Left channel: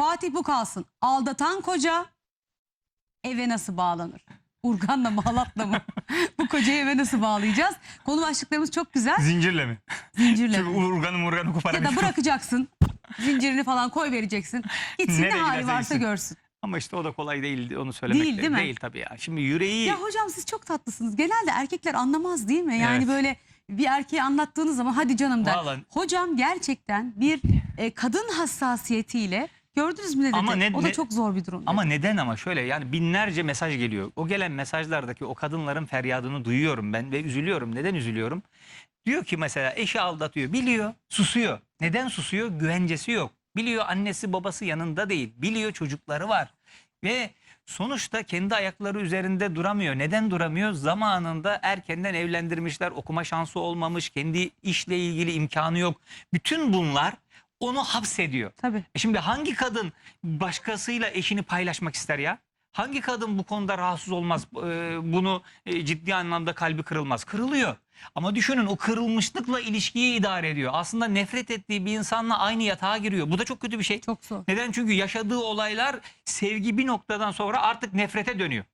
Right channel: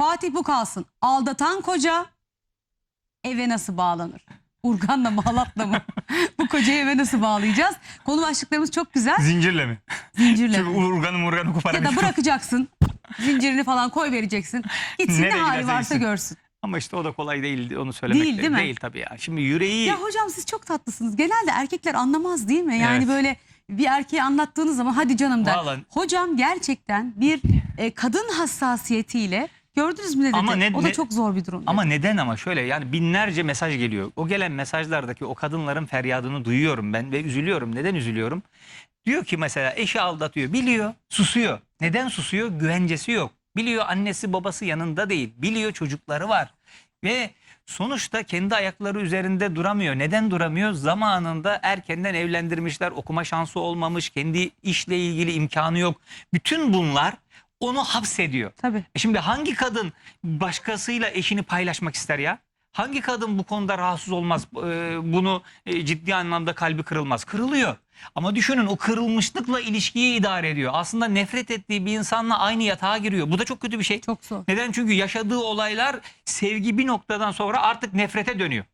Fatih bu kalsın. Aldatan koca eve nasıl bağlanır? Urgan'la mı Halat'la mı? bu kocayı eve nasıl bağlayacağız? Konu başlıklarımız çok güzel. Zincirle mi? Zincirle. Çünkü mi? urganı murganı Ya da bırakacaksın. Zincirini falan koy vereceksin. Gitsin ne Nereye hali giderse varsa gitsin. görsün. Ama işte o da kolay değil onu söylemek. Değil, de- değil mi? Değil tabii ya. Şimdi yüreği Ya hocam siz çok tatlısınız. Genelde erkekler anlamaz değil mi? Yani Evet. böyle bir erkeğe anlattığınız zaman hadi canım der. Vallahi- Hocam gerçekten bir e, kadın hassasiyetiyle gördünüz mü ne dedi? Ama ne- o da ne- çok zor bir durum. dedi. Ama neden ama şöyle yani binlerce mesaj geliyor. O gelen mesajlardaki o kadınların feryadını duyuyorum ben ve üzülüyorum. Neden üzülüyorum? Diyor ki mesela eşi aldatıyor. Biliyor, susuyor. Neden susuyor? Güvencesi yok. Biliyor annesi babası yanında değil. Biliyor çocukları var. Ve sonuçta kendi ayakları üzerinde duramıyor. Neden duramıyor? Zamanında erkenden evlendirmişler. Okuma şansı olmamış. Kendi işle ilgili imkanı yok. Bütün bunlar onu hapsediyor. Tabii. E Şimdi hangi kadın başkasıyla eşini paylaşmak ister ya? Hangi kadın bu konuda rahatsız olmaz? e, Bunu e, ciddi anlamda kalbi kırılmaz. Kırılıyor. Ama düşünün o kırılmışlıkla ilişkiyi idare ediyor. Aslında nefret ettiği bir insanla aynı yatağa giriyor. Bu da çok kötü bir şey. Çok zor. Neden? Çünkü yaşadığı olaylar sevgi bir noktadan sonra artık nefrete dönüyor.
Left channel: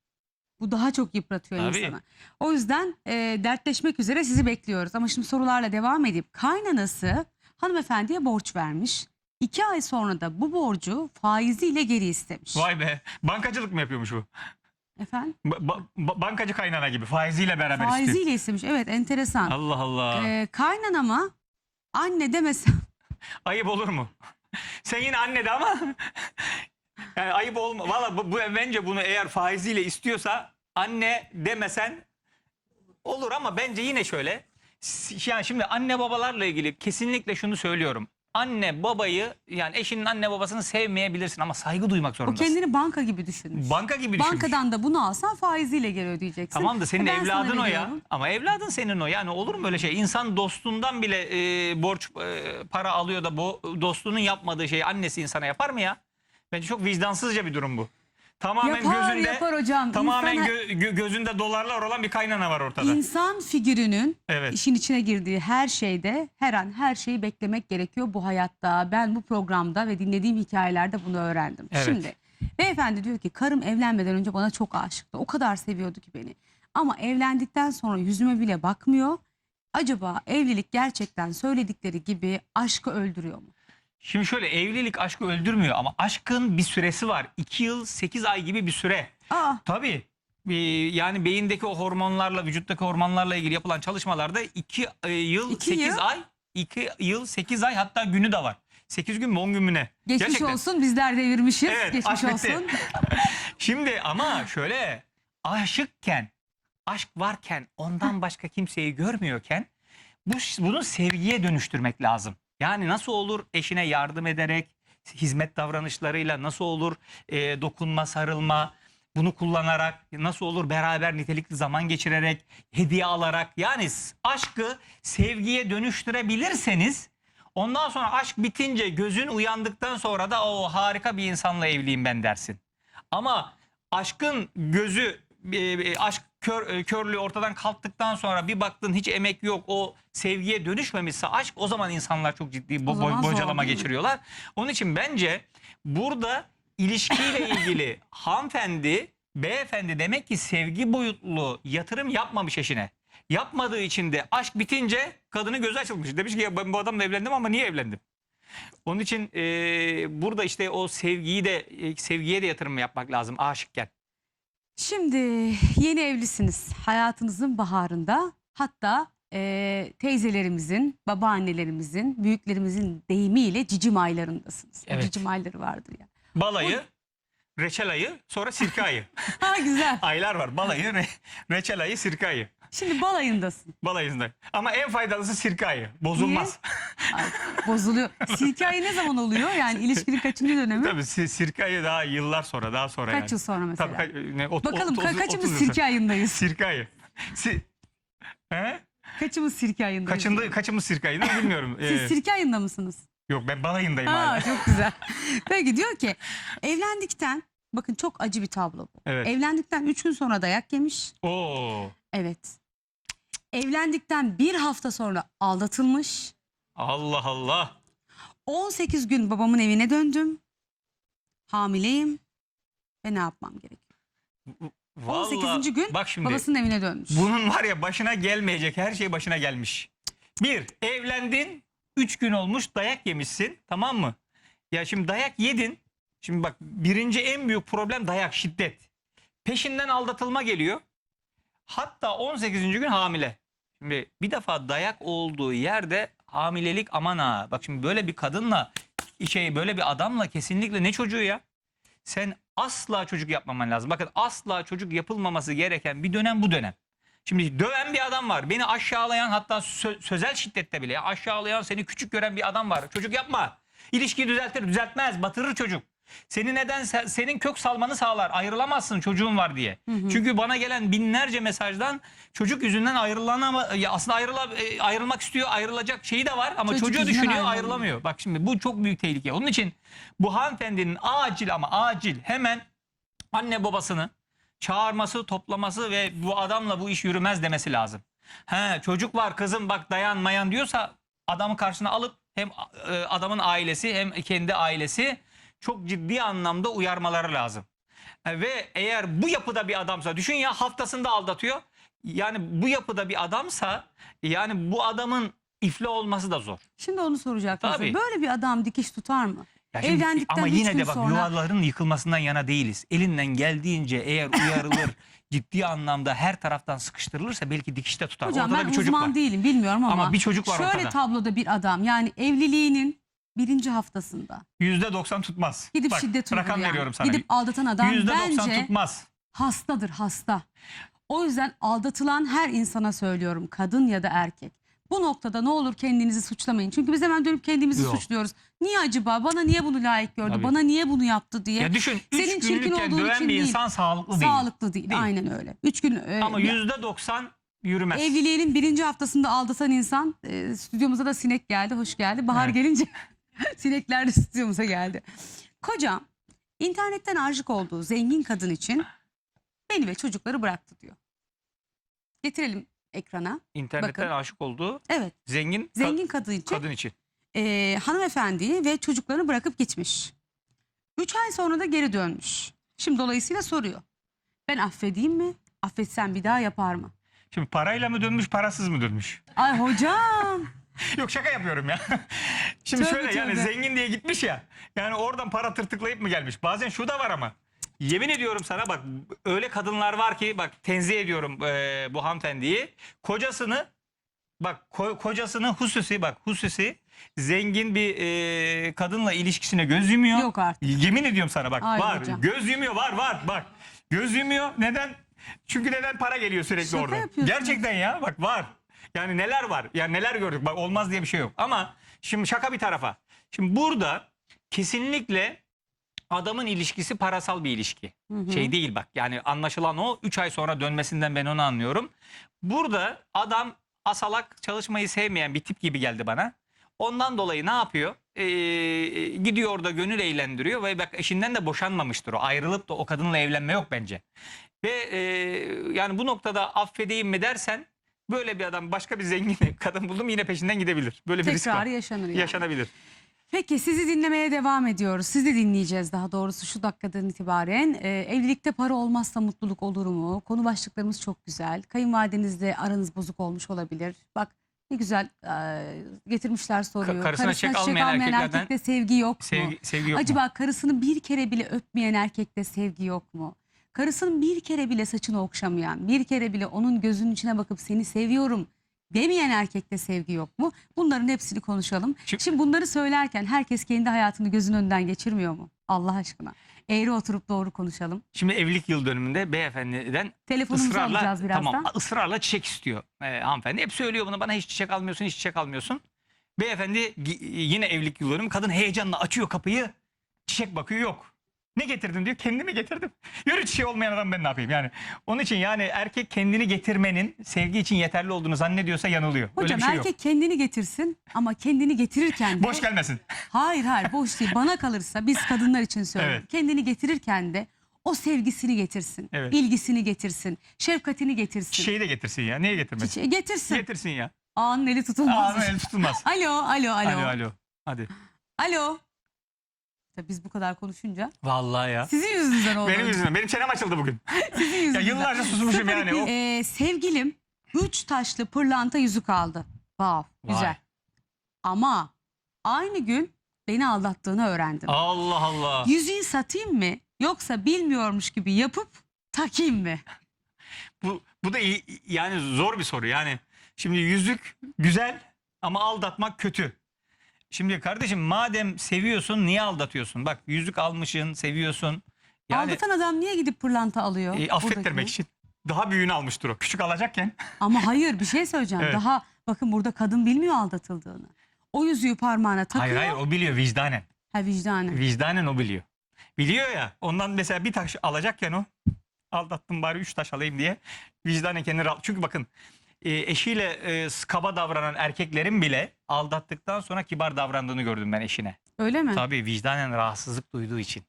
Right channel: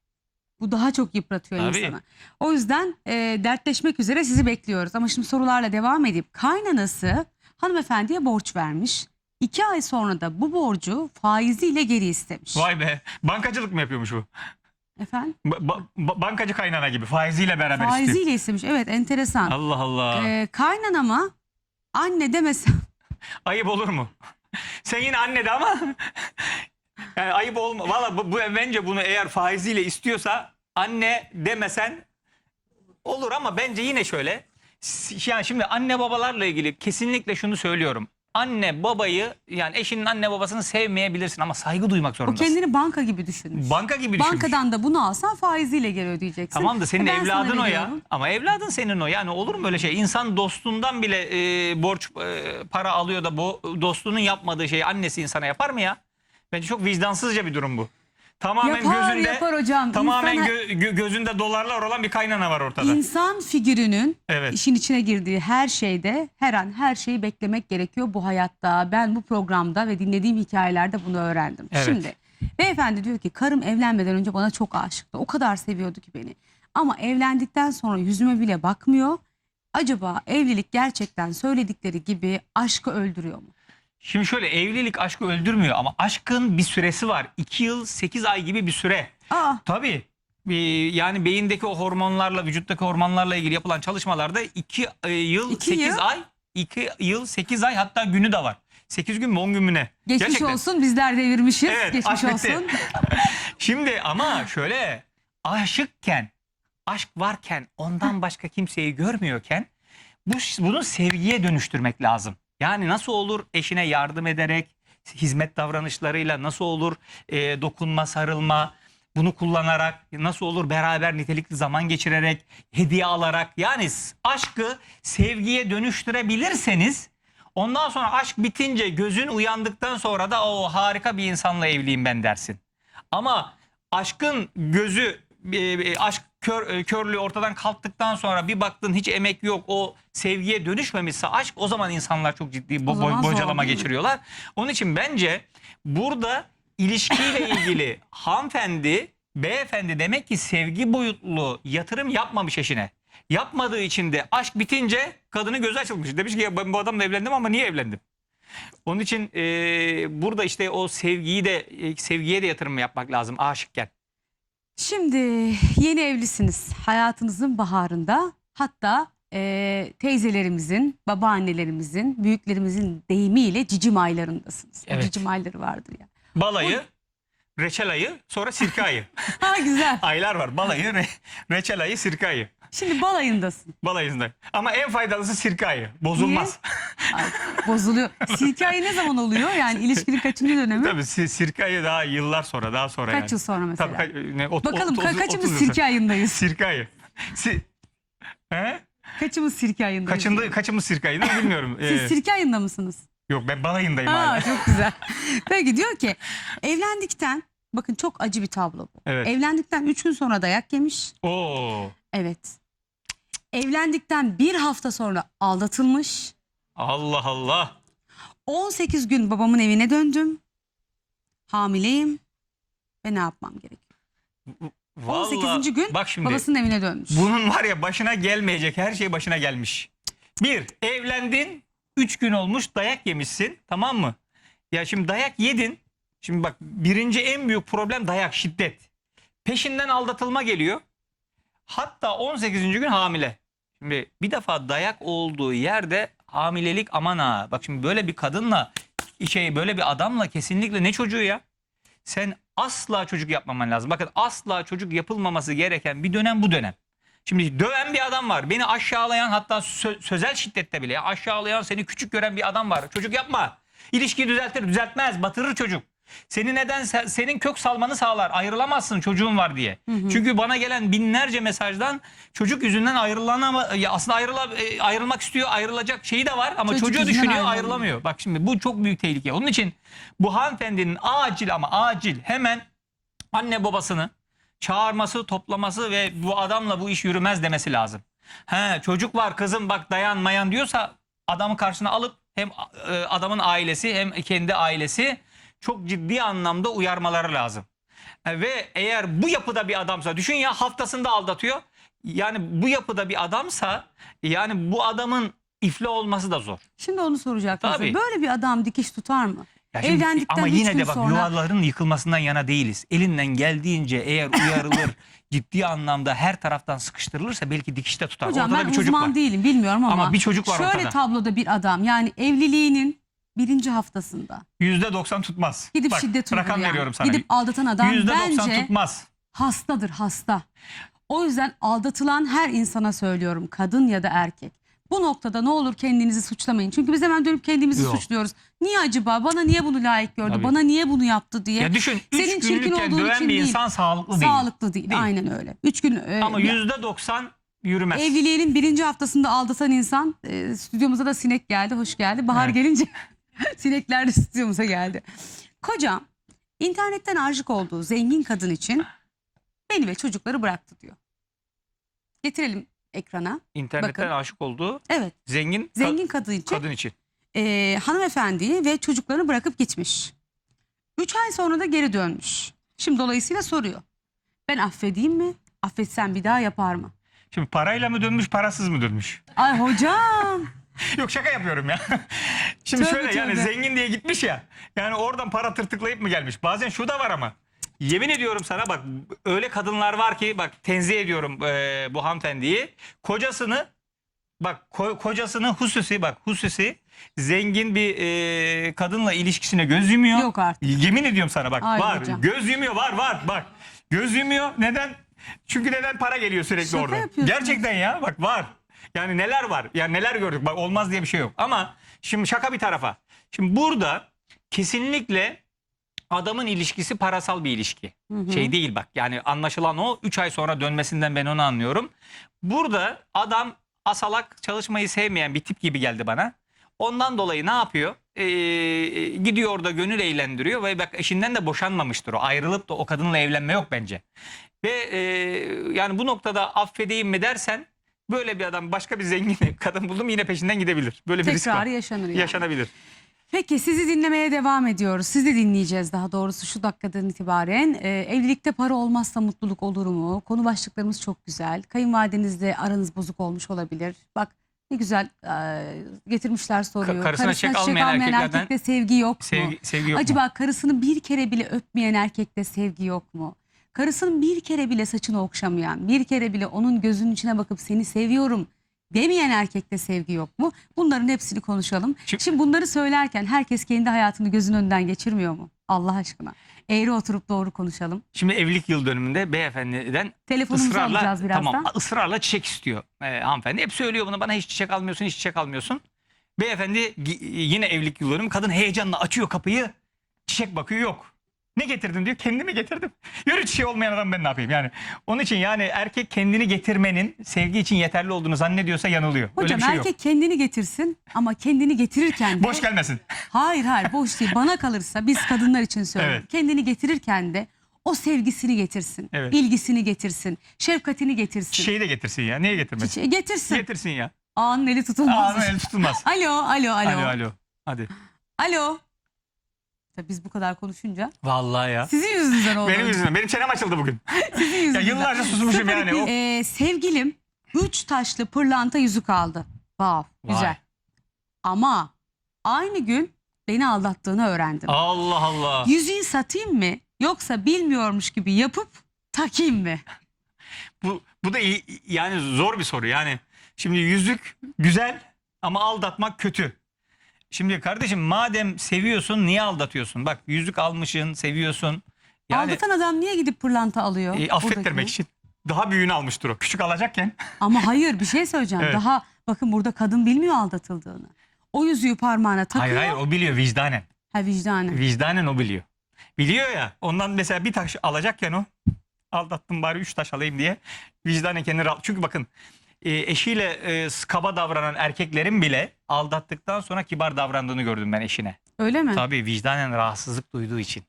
Bu daha çok yıpratıyor Tabii. insanı. O yüzden e, dertleşmek üzere sizi bekliyoruz. Ama şimdi sorularla devam edip kaynanası hanımefendiye borç vermiş. İki ay sonra da bu borcu faiziyle geri istemiş. Vay be. Bankacılık mı yapıyormuş bu? Efendim? Ba- ba- ba- bankacı kaynana gibi faiziyle beraber istiyor. Faiziyle istemiş. Evet enteresan. Allah Allah. Ee, kaynanama anne demesem Ayıp olur mu? Sen yine anne de ama yani ayıp olma. Valla bu, bu bence bunu eğer faiziyle istiyorsa anne demesen olur ama bence yine şöyle. Yani şimdi anne babalarla ilgili kesinlikle şunu söylüyorum. Anne babayı yani eşinin anne babasını sevmeyebilirsin ama saygı duymak o zorundasın. kendini banka gibi düşünmüş. Banka gibi düşünmüş. Bankadan da bunu alsan faiziyle geri ödeyeceksin. Tamam da senin E ben sana evladın o ya. veriyorum. Ama evladın senin o. Yani olur mu öyle şey? İnsan dostundan bile e, borç e, para alıyor da bu dostunun yapmadığı şeyi annesi insana yapar mı ya? Bence çok vicdansızca bir durum bu. Tamamen Yapar gözünde yapar hocam. tamamen İnsan- gö- gö- gözünde dolarlar olan bir kaynana var ortada. İnsan figürünün Evet. işin içine girdiği her şeyde her an her şeyi beklemek gerekiyor bu hayatta. Ben bu programda ve dinlediğim hikayelerde bunu öğrendim. Evet. Şimdi beyefendi diyor ki karım evlenmeden önce bana çok aşıktı. O kadar seviyordu ki beni. Ama evlendikten sonra yüzüme bile bakmıyor. Acaba evlilik gerçekten söyledikleri gibi aşkı öldürüyor mu? Şimdi şöyle evlilik aşkı öldürmüyor ama aşkın bir süresi var. 2 yıl 8 ay gibi bir süre. Aa, Tabii. Ee, Yani beyindeki o hormonlarla, vücuttaki hormonlarla ilgili yapılan çalışmalarda 2 yıl İki 8 yıl? ay, 2 yıl 8 ay hatta günü de var. 8 gün mü 10 gün mü ne? geçmiş Gerçekten. olsun bizler devirmişiz. Evet, geçmiş olsun. Şimdi ama şöyle aşıkken, aşk varken ondan başka kimseyi görmüyorken bu bunu sevgiye dönüştürmek lazım. Yani nasıl olur eşine yardım ederek, hizmet davranışlarıyla nasıl olur e, dokunma, sarılma, bunu kullanarak nasıl olur beraber nitelikli zaman geçirerek, hediye alarak yani aşkı sevgiye dönüştürebilirseniz ondan sonra aşk bitince gözün uyandıktan sonra da o harika bir insanla evliyim ben dersin. Ama aşkın gözü e, e, aşk kör, e, körlüğü ortadan kalktıktan sonra bir baktın hiç emek yok o sevgiye dönüşmemişse aşk o zaman insanlar çok ciddi bo- O zaman zor bocalama geçiriyorlar. Onun için bence burada ilişkiyle ilgili hanımefendi beyefendi demek ki sevgi boyutlu yatırım yapmamış eşine. Yapmadığı için de aşk bitince kadının gözü açılmış. Demiş ki ya ben bu adamla evlendim ama niye evlendim? Onun için e, burada işte o sevgiyi de e, sevgiye de yatırım yapmak lazım aşıkken. Şimdi yeni evlisiniz. Hayatınızın baharında hatta e, teyzelerimizin, babaannelerimizin, büyüklerimizin deyimiyle cicim aylarındasınız. Evet. Cicim ayları vardır ya. Balayı, reçel ayı, sonra sirke ayı. Ha güzel. Aylar var. Balayı, re- reçel ayı, sirke ayı. Şimdi balayındasın. Balayında. Ama en faydalısı sirke ayı. Bozulmaz. Ay, bozuluyor. Sirke ayı ne zaman oluyor? Yani ilişkinin kaçıncı dönemi? Tabii si- sirke ayı daha yıllar sonra, daha sonra Kaç yani. yıl sonra mesela? Tabii, ka- ne, ot- Bakalım ot- ka- otuz- kaçımız otuz yıl sirke sonra. ayındayız? Sirke ayı. Si- He? Kaçımız sirke ayındayız? Kaçında, kaçımız sirke ayını bilmiyorum. Siz Ee, sirke ayında mısınız? yok ben balayındayım Ha, hala. çok güzel. Peki diyor ki evlendikten bakın çok acı bir tablo bu. Evet. Evlendikten 3 gün sonra dayak yemiş. Oo. Evet. Evlendikten bir hafta sonra aldatılmış. Allah Allah. 18 gün babamın evine döndüm. Hamileyim ve ne yapmam gerekiyor? 18. gün bak şimdi Babasının evine dönmüş. bunun var ya başına gelmeyecek her şey başına gelmiş. Bir evlendin 3 gün olmuş dayak yemişsin tamam mı? Ya şimdi dayak yedin. Şimdi bak birinci en büyük problem dayak şiddet. Peşinden aldatılma geliyor. Hatta 18. gün hamile. Şimdi bir defa dayak olduğu yerde hamilelik aman ha. Bak şimdi böyle bir kadınla şey böyle bir adamla kesinlikle ne çocuğu ya? Sen asla çocuk yapmaman lazım. Bakın asla çocuk yapılmaması gereken bir dönem bu dönem. Şimdi döven bir adam var. Beni aşağılayan hatta sö- sözel şiddette bile aşağılayan seni küçük gören bir adam var. Çocuk yapma. İlişkiyi düzeltir, düzeltmez, batırır çocuk. Seni neden se- senin kök salmanı sağlar. Ayrılamazsın çocuğun var diye. Hı hı. Çünkü bana gelen binlerce mesajdan çocuk yüzünden ayrılanama ya aslında ayrıla, e, ayrılmak istiyor, ayrılacak şeyi de var ama Çocuk çocuğu düşünüyor, ayrılamıyor. ayrılamıyor. Bak şimdi bu çok büyük tehlike. Onun için bu hanımefendinin acil ama acil hemen anne babasını çağırması, toplaması ve bu adamla bu iş yürümez demesi lazım. He, çocuk var kızım bak dayanmayan diyorsa adamı karşısına alıp hem e, adamın ailesi hem kendi ailesi çok ciddi anlamda uyarmaları lazım. E, Ve eğer bu yapıda bir adamsa düşün ya haftasında aldatıyor. Yani bu yapıda bir adamsa yani bu adamın iflah olması da zor. Şimdi onu soracaktım. Tabii. Böyle bir adam dikiş tutar mı? Ya şimdi- Evlendikten ama yine de bak sonra- yuvaların yıkılmasından yana değiliz. Elinden geldiğince eğer uyarılır ciddi anlamda her taraftan sıkıştırılırsa belki dikiş de tutar. Hocam Ortada ben bir çocuk uzman var. değilim bilmiyorum ama, Ama bir çocuk var şöyle ortada. tabloda bir adam yani evliliğinin birinci haftasında Yüzde doksan tutmaz. gidip Bak, şiddet rakam uygulayan, veriyorum sana. gidip aldatan adam Yüzde doksan bence tutmaz. hastadır hasta. O yüzden aldatılan her insana söylüyorum kadın ya da erkek. Bu noktada ne olur kendinizi suçlamayın. Çünkü biz hemen dönüp kendimizi Yok. suçluyoruz. Niye acaba? Bana niye bunu layık gördü? Tabii. Bana niye bunu yaptı diye. Ya düşün Senin üç çirkin günlükken olduğun döven için bir değil. insan sağlıklı değil. Sağlıklı değil. Değil. Aynen öyle. Üç gün e, Ama ya- yüzde doksan yürümez. Evliliğinin birinci haftasında aldatan insan e, stüdyomuza da sinek geldi. Hoş geldi. Bahar Evet. gelince sinekler de stüdyomuza geldi. Kocam internetten aşık olduğu zengin kadın için beni ve çocukları bıraktı diyor. Getirelim ekrana. İnternetten Bakın. aşık olduğu Evet zengin, zengin kadın için kadın için. e, hanımefendiyi ve çocuklarını bırakıp gitmiş. Üç ay sonra da geri dönmüş. Şimdi dolayısıyla soruyor. Ben affedeyim mi? Affetsem bir daha yapar mı? Şimdi parayla mı dönmüş parasız mı dönmüş? Ay hocam. Yok şaka yapıyorum ya. Şimdi Tövbe şöyle yani tövbe. zengin diye gitmiş ya. Yani oradan para tırtıklayıp mı gelmiş? Bazen şu da var ama. Yemin ediyorum sana bak öyle kadınlar var ki bak tenzih ediyorum eee, bu hanımefendiyi. Kocasını bak ko- kocasını hususi bak hususi zengin bir eee, kadınla ilişkisine göz yumuyor. Yok artık. Yemin ediyorum sana bak Ay var. hocam. Göz yumuyor var var bak. Göz yumuyor. Neden? Çünkü neden para geliyor sürekli Şaka orada. yapıyorsunuz. Gerçekten ya bak var. Yani neler var? Yani neler gördük. Bak olmaz diye bir şey yok. Ama şimdi şaka bir tarafa. Şimdi burada kesinlikle adamın ilişkisi parasal bir ilişki. Hı hı. Şey değil bak. Yani anlaşılan o 3 ay sonra dönmesinden ben onu anlıyorum. Burada adam asalak çalışmayı sevmeyen bir tip gibi geldi bana. Ondan dolayı ne yapıyor? Ee, gidiyor orada gönül eğlendiriyor ve bak eşinden de boşanmamıştır o. Ayrılıp da o kadınla evlenme yok bence. Ve e, yani bu noktada affedeyim mi dersen böyle bir adam başka bir zengin kadın buldum yine peşinden gidebilir. Böyle bir risk var. Tekrarı yaşanır yani. Yaşanabilir. Peki sizi dinlemeye devam ediyoruz. Sizi dinleyeceğiz daha doğrusu şu dakikadan itibaren. Ee, evlilikte para olmazsa mutluluk olur mu? Konu başlıklarımız çok güzel. Kayınvalidenizle aranız bozuk olmuş olabilir. Bak ne güzel e, getirmişler soruyu. karısına çek almayan erkeklerden erkekte sevgi yok mu? Sevgi, sevgi yok mu? Acaba karısını bir kere bile öpmeyen erkekte sevgi yok mu? Karısının bir kere bile saçını okşamayan, bir kere bile onun gözünün içine bakıp seni seviyorum demeyen erkekte sevgi yok mu? Bunların hepsini konuşalım. Şimdi- Şimdi bunları söylerken herkes kendi hayatını gözünün önünden geçirmiyor mu? Allah aşkına. Eğri oturup doğru konuşalım. Şimdi evlilik yıl dönümünde beyefendiden Telefonumuzu ısrarla alacağız birazdan. tamam ısrarla çiçek istiyor e, hanımefendi. Hep söylüyor bunu bana hiç çiçek almıyorsun hiç çiçek almıyorsun. Beyefendi yine evlilik yıl dönümü kadın heyecanla açıyor kapıyı çiçek bakıyor yok. Ne getirdin diyor kendimi getirdim. Yürü çiçeği olmayan adam ben ne yapayım yani. Onun için yani erkek kendini getirmenin sevgi için yeterli olduğunu zannediyorsa yanılıyor. Öyle Hocam bir şey erkek yok. kendini getirsin ama kendini getirirken de... Boş gelmesin. Hayır hayır boş değil. Bana kalırsa biz kadınlar için söylüyorum. Evet. Kendini getirirken de o sevgisini getirsin. Evet. ilgisini getirsin. Şefkatini getirsin. Çiçeği de getirsin ya. Niye getirmesin? Çiçeği getirsin. Getirsin ya. Ağanın eli tutulmaz. Ağzına el tutulmaz. Alo, alo, alo. Alo alo. Hadi. Alo. Tabii biz bu kadar konuşunca. Vallahi ya. Sizin yüzünüzden oldu. Benim yüzümden. Benim çenem açıldı bugün. Sizin Ya yüzünüzden. yıllarca susmuşum yani. O- Ee, sevgilim üç taşlı pırlanta yüzük aldı. Wow, Vay. güzel. Ama aynı gün beni aldattığını öğrendim. Allah Allah. Yüzüğü satayım mı yoksa bilmiyormuş gibi yapıp takayım mı? Bu, bu da iyi, yani zor bir soru. Yani şimdi yüzük güzel ama aldatmak kötü. Şimdi kardeşim madem seviyorsun niye aldatıyorsun? Bak yüzük almışsın, seviyorsun. Yani Aldatan adam niye gidip pırlanta alıyor? e, affettirmek için. Daha büyüğünü almıştır o. Küçük alacakken. Ama hayır bir şey söyleyeceğim. Evet. Daha bakın burada kadın bilmiyor aldatıldığını. O yüzüğü parmağına takıyor. Hayır hayır o biliyor vicdanen. Ha vicdanı. Vicdanen o biliyor. Biliyor ya ondan mesela bir taş alacakken o aldattım bari üç taş alayım diye vicdanen kendini rahat. Çünkü bakın e, eşiyle e, kaba davranan erkeklerin bile aldattıktan sonra kibar davrandığını gördüm ben eşine. Öyle mi? Tabii vicdanen rahatsızlık duyduğu için.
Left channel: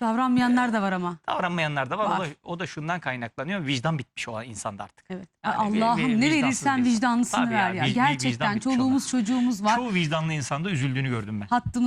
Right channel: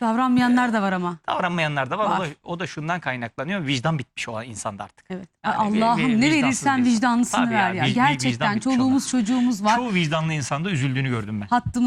Davranmayanlar da var ama. Davranmayanlar da var. O Var. da, o da şundan kaynaklanıyor. Vicdan bitmiş o insanda artık. Evet. Yani Allah'ım ne verirsen vicdanlısını Tabii ver ya. vicdan Gerçekten bitmiş çoluğumuz çocuğumuz var. Çoğu vicdanlı insanda üzüldüğünü gördüm ben. Hattımız